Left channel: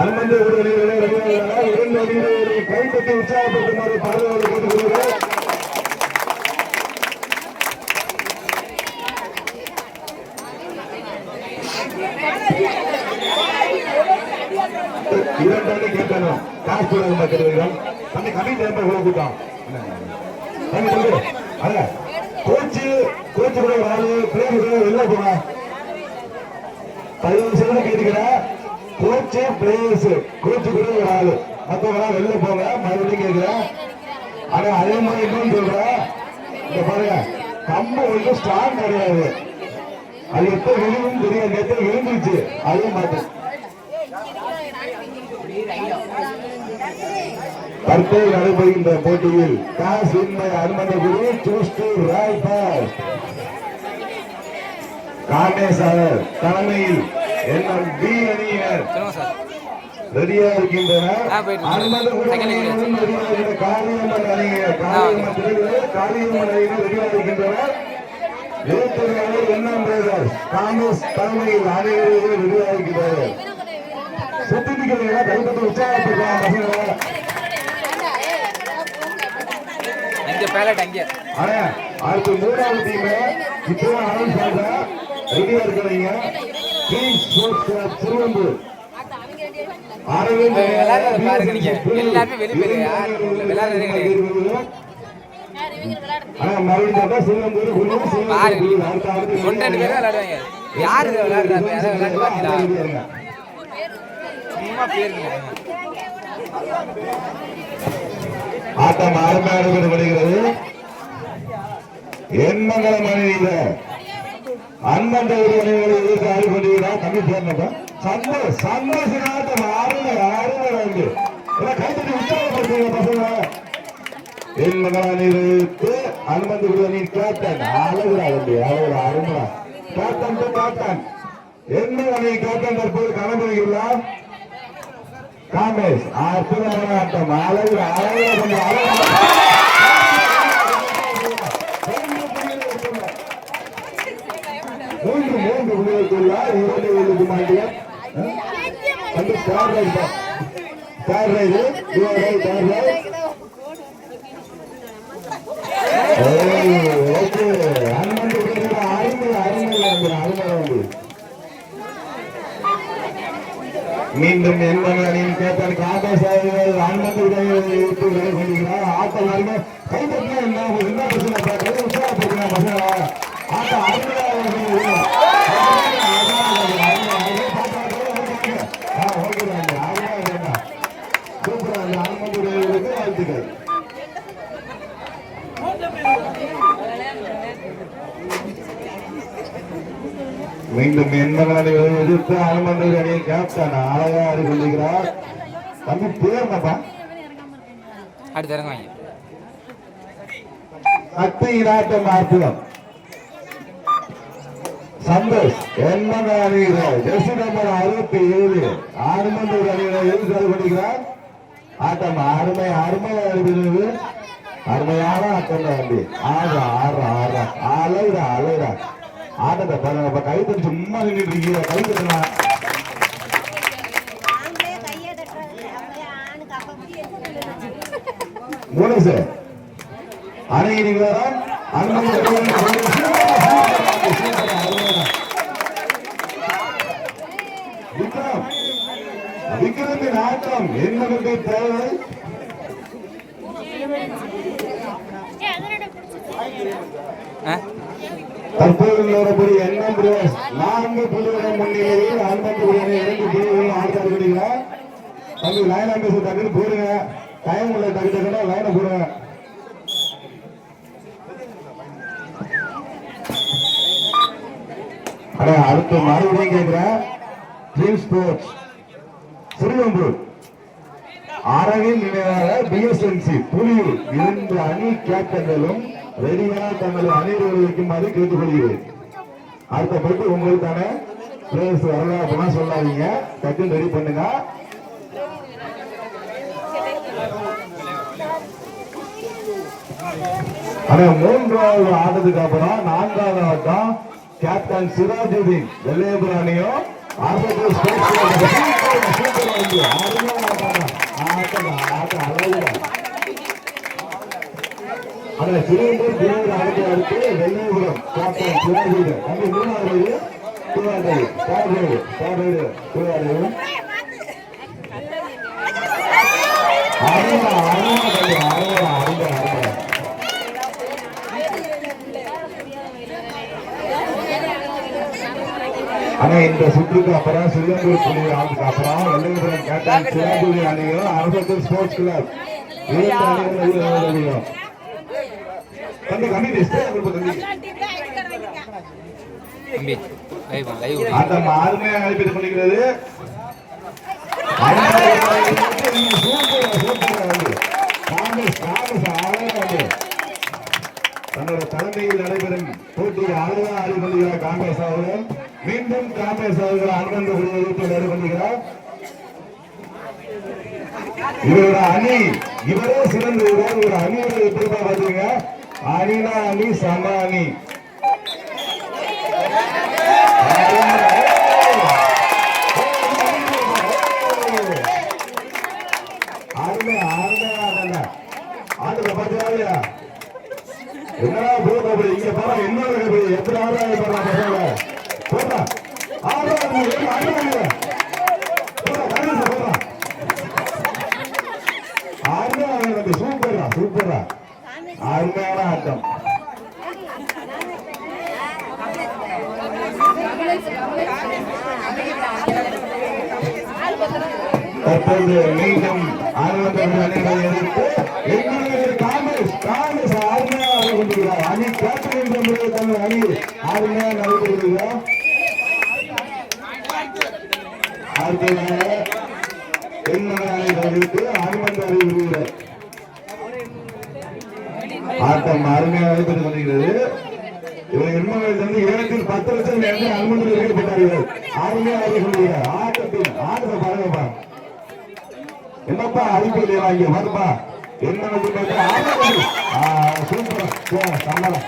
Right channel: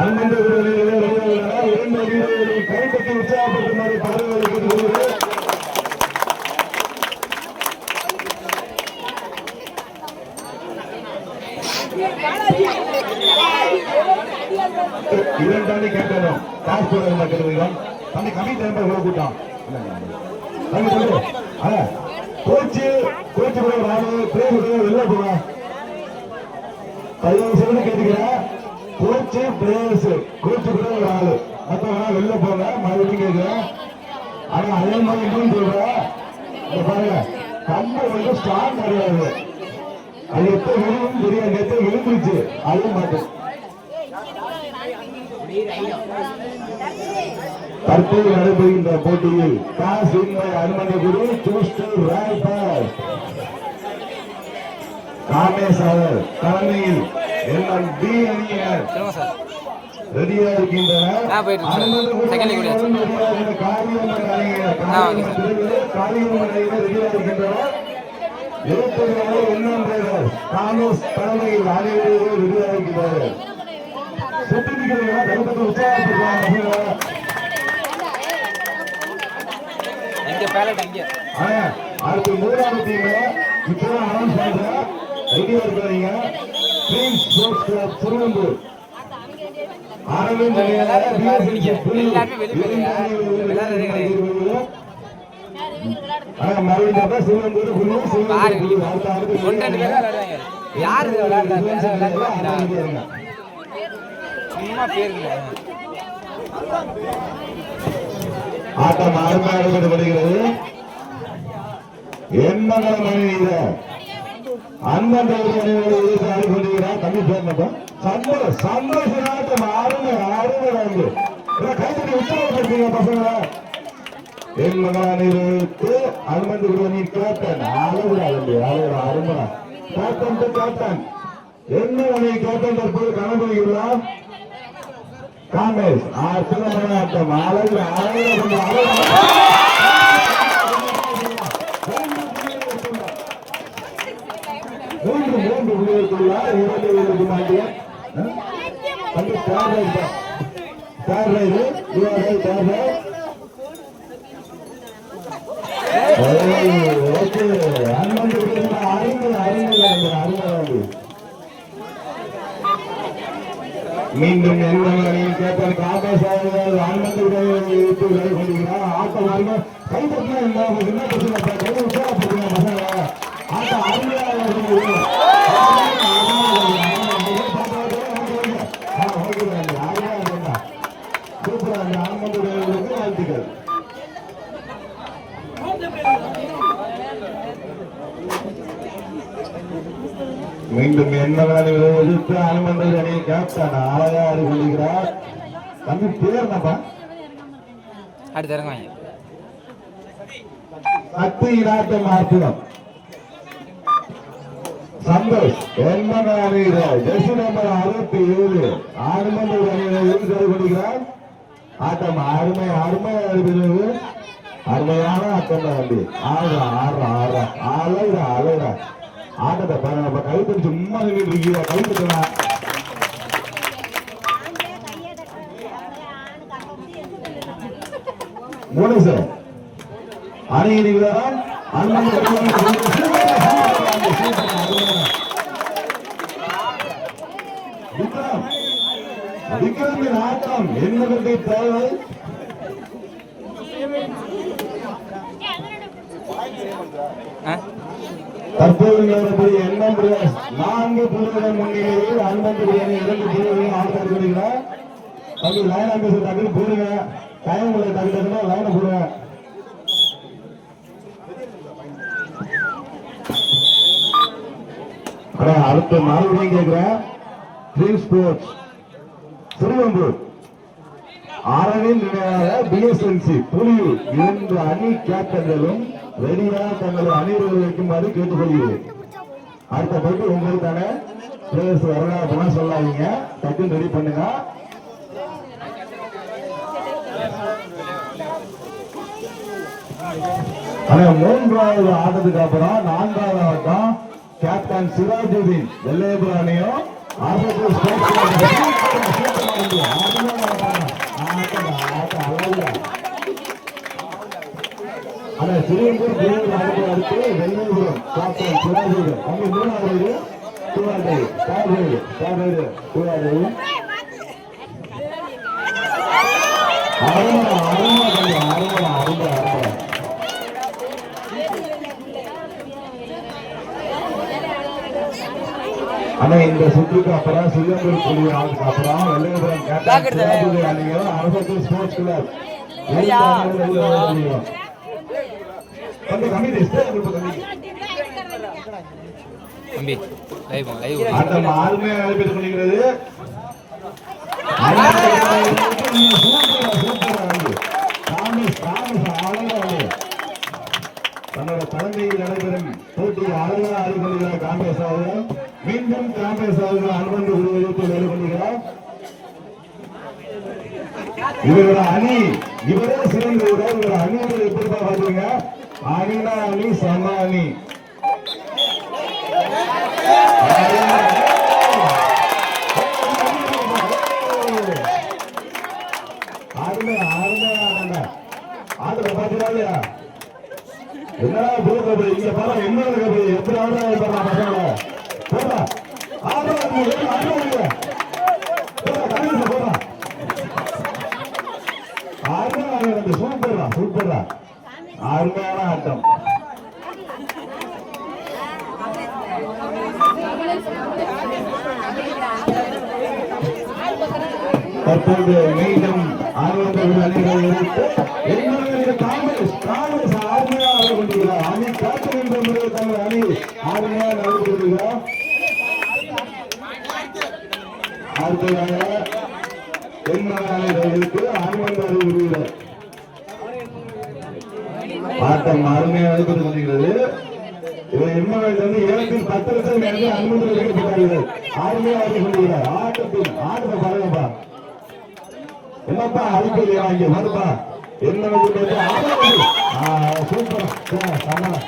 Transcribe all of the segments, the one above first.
அனுமந்த கைப்பற்றி உற்சாகப்படுத்துமாறு பாதுகாப்பு கேட்டுக்கொள்கிறேன். இரண்டு கேட்கணும் காசு போடாத மாட்டேன் அந்த கமிட்டி கொடுத்துட்டான் கோச்சு கோச்சு கூட ஆளு பிளேயர் கூட வெளில போனா 15 செகண்ட் கேட்டுக்கிறேன். கோச்சு பிளேயர்ஸ் கோச்சு கூட ஒரு ஆளு மற்றவங்க வெளில போங்க மறுபடியும் கேட்கிறேன். ஆனா அதே மாதிரி இன்னும் சொல்றேன் பாருங்க கம்பு வந்து ஸ்ட்ராங் கிடையாது. அது எப்ப விழுந்து தெரியாது. நேற்று விழுந்துருச்சு அதுவும் மாட்டேன். தற்போது நடைபெறுகின்ற போட்டியில் டாஸ் அனுமதி காமேஸ்வர் தலைமையில் பி அணியினர் ரெடியா இருக்கின்றனர். காங்கிரஸ் தலைமையில் அனைவரும் ரெடியா இருக்கின்றனர். சுத்திக்கிறீங்களா கைப்பற்றி உற்சாகப்படுத்தலாம். அடுத்து மூணாவது டீம் இப்பதான் அனௌன்ஸ் பண்றேன். ரெடியா இருக்கிறீங்க. திருவம்பூர் அரவிந்த் ஆட்டம் அருமையாக வருகிறது. எண்மங்கலம் அணியில அண்ணன் அணிகளை எதிர்த்து ஆடிக்கொண்டிருக்கிறார். கம்மி சேர்ந்தோம் சந்தோஷம் ஆறுங்க கைப்பற்றி உற்சாகப்படுத்துங்க பசங்க. எண்மங்கலம் அணிகளுக்கு அனுமதி அணி கேப்டன் அழகுறாங்க அருமை கேப்டன் டு கேப்டன் என்ன அணி கேப்டன் தற்போது கணபதியுள்ளார். காமேஷ் ஆட்டம் அழகு மூன்று உள்ளிட்டுள்ளார். 2 மாட்டியம் மீண்டும் எண்ணின் கேப்டன் காமேஷ் அவர்கள் அனுமதி விளையாடுகிறார். ஆட்டம் வருங்க கைப்பற்றியா என்ன உற்சாகப்படுத்தினா பசங்க ஆட்டம் அருமையாக வாழ்த்துக்கள். மீண்டும் எண்மகளை எதிர்த்து அனுமதி அணியை கேப்டன் அழகா கொள்கிறார். தம்பி பேர்னப்பா அத்தியிலாட்டம் அற்புதம் சந்தோஷ் எண்மலை ஜெர்சி நம்பர் 67 அனுமதி அணியை எதிர்த்து கொள்கிறார். ஆட்டம் அருமை அருமையாக இருக்கிறது. அருமையான ஆட்டம் தம்பி. ஆறா அலைடா ஆட்டத்தை கை தட்டி சும்மா இருக்கீங்க கை தட்டலாம். போனஸ் அணைகிறீங்களா விக்ரமின் ஆட்டம் என்னவென்று தேவை. தற்போது நிலவரப்படி எண்ணம் 4 புள்ளிகள் முன்னிலையில் 52 புள்ளிகளும் ஆடுகிறார். தம்பி லைன் ஆம்பேஸ் டக்குனு போடுங்க. டைம் உள்ள டக்கு லைனை போடுங்க. அடுத்த மறுபடியும் கேட்கிறேன். ட்ரீம் ஸ்போர்ட்ஸ் திருவம்பூர் அரவிந்த் நினைவாக பிஎஸ்என்சி புலியூர் 2 அணி கேப்டன்களும் ரெடியாக தங்களது அணிகளை வைக்குமாறு கேட்டுக்கொள்கிறேன். அடுத்த போட்டு உங்களுக்கான பிளேயர்ஸ் வரல அப்படின்னா சொல்லாதீங்க, டக்குன்னு ரெடி பண்ணுங்க. ஆனா 3வது ஆட்டத்துக்கு அப்புறம் 4வது ஆட்டம் கேப்டன் சிராஜுதீன் வெள்ளையபுரம் அணியும் திருவள்ளூர் அடுத்து வெள்ளையபுரம் கேப்டன் சிராஜுதீன் 3வது ஆனா இந்த சுற்றுக்கு அப்புறம் சிங்கப்பூர் புலி ஆளுக்கு அப்புறம் வெள்ளையபுரம் கேப்டன் சிராஜுதீன் அணிகள் அரசு ஸ்போர்ட்ஸ் கிளப் அந்த ஆளுமையை அழைப்பது பண்ணிக்கிறது. தன்னோட குழந்தையில் நடைபெறும் போட்டியை ஆர்வம் ஆடிக்கொள்கிறார் காங்கிரஸ் அவர்கள். மீண்டும் காங்கிரஸ் அவர்கள் அனுமதி விடுவதற்கு வேலை பண்ணுகிறார். இவரோட அணி இவரே சிறந்த இவர் அணிகளை எப்படி பாத்தீங்க? அணினா அணி சம அணி. ஆடுற பாத்தீங்களா இல்லையா? என்னடா போய் இங்க பாரு என்ன எப்படி ஆடுறாங்க பாருங்க போடா சூப்பர்ரா சூப்பர்ரா அருமையான ஆட்டம். தற்போது மீண்டும் காங்கிரஸ் ஆர்மையா கொண்டிருக்கிறார். அணி கேப்டன் என்ற முறையில் தங்கள் அணி ஆர்மையா நடைபெறுகிறார். அடுத்ததாக ஆட்டம் அருமையாக நடைபெற்று கொண்டிருக்கிறது. எம்எல்ஏ 7-10 லட்சம் அனுமதி அளிக்கப்பட்டார்கள். அருமையாக கொண்டிருக்கிறார். ஆட்டத்தை பாருங்கப்பா. என்னப்பா அழிப்பு இல்லையா? இங்க வருப்பா. என்ன சூப்பர் சம்மளம்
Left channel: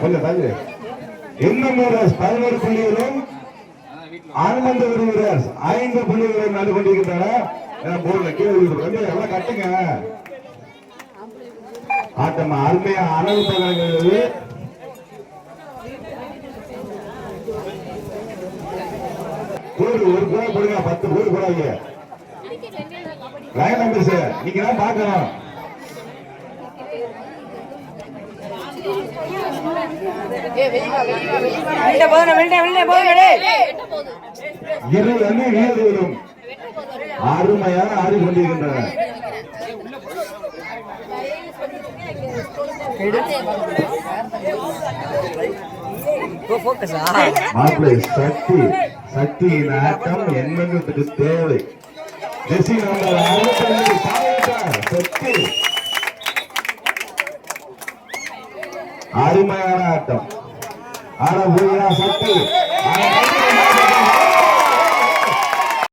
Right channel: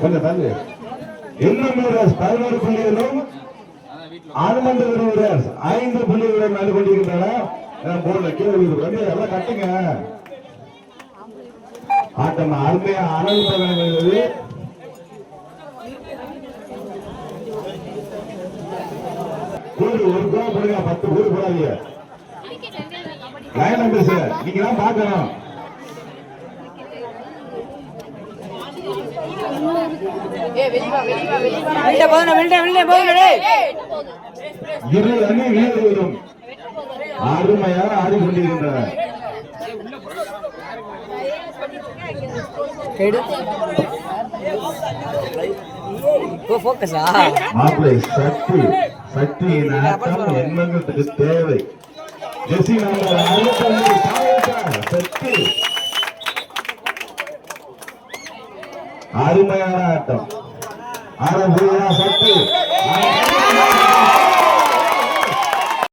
கொஞ்சம் தள்ளு. இன்னும் 11 புள்ளிகளும் அனுமந்த விரும்புகிறார் 5 புள்ளிகளும் நடந்து கொண்டிருக்கின்றன. எல்லாம் கட்டுங்க. ஆட்டம் அருமையா அளவு தொடங்குகிறது. ஒரு கோல் போடுங்க, 10 கோல் போடாதீங்க. லைன் நம்பர்ஸ் நீங்க தான் பார்க்கணும். இரு அணி வீரர்களும் அருமையாக ஆடிக்கொண்டிருக்கின்றனர். சக்தியின் ஆட்டம் எண்ணத்துக்கு தேவை. ஜெசி நம்பர் 65 சக்தி அருமையான ஆட்டம். ஆனா சக்தி